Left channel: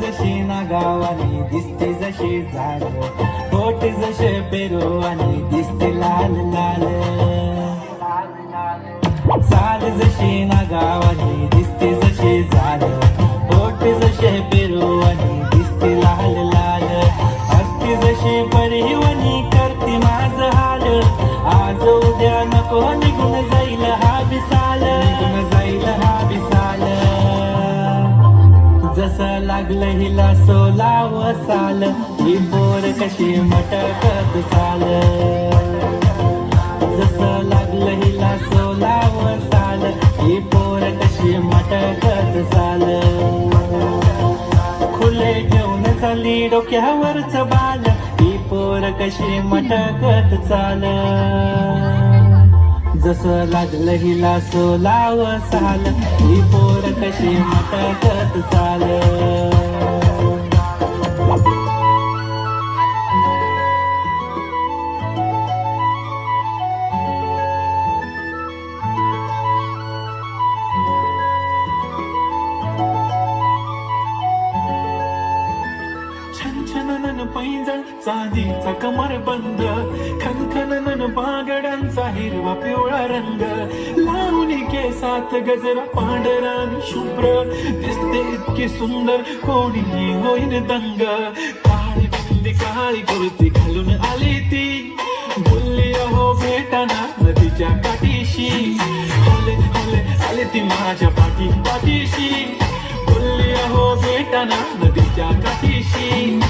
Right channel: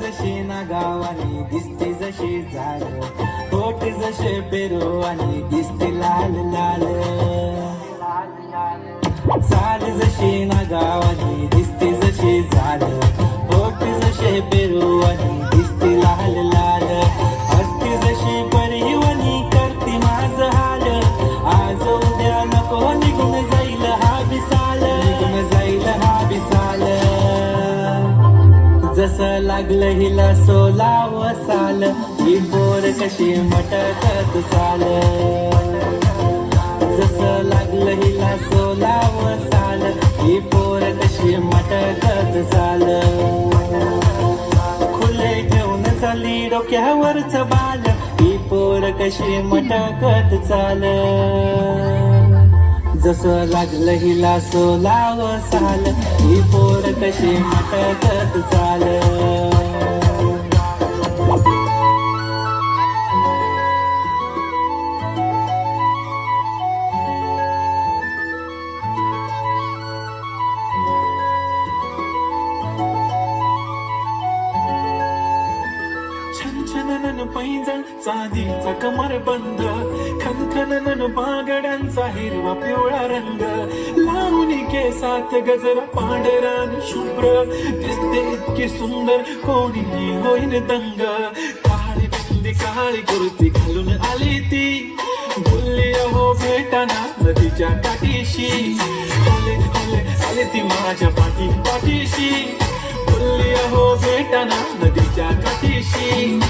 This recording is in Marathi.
जशी ना गावानी दिसते जशी झाड, होठ जसे पेरू आणि दिसते लाल लाल. चाल जशी ना गावानी दिसते जशी झाड, होठ जसे पेरू आणि दिसते लाल लाल. असते जशी परिवणी करते माझ हाल, आज उद्या नको निघून जाईल हा विसाल, निघून जाईल हा विसाल. जसं लागलं हिला सोलाव साल, ही पोर कशी मटकत चाल. जसं लागलं हिला सोलाव साल, ही पोर कशी मटकत चाल. खुले घेऊन चाली डोक्यावरच बाल, ही पोर कशी मटकत चाल. जसं लागलं हिला सोलाव साल, ही पोर कशी मटकत चाल. छनछनन पैजा चांदीचं कमर बंद, खनखनन बागड्यांचा हिरवा पिवळा रंग. लावणी केसात गजरा पांढरा आणि शुभ्र, दिसते इतकी सुंदर कोणी होईन दंग. काळी बिंदी काळी कुर्ती घालून आली ती, बोलली हो भेटाना नदीच्या काठीशी. फुले फुले आली ती माझ्या पाठीशी, बोलली हो भेटाना नदीच्या काठीशी.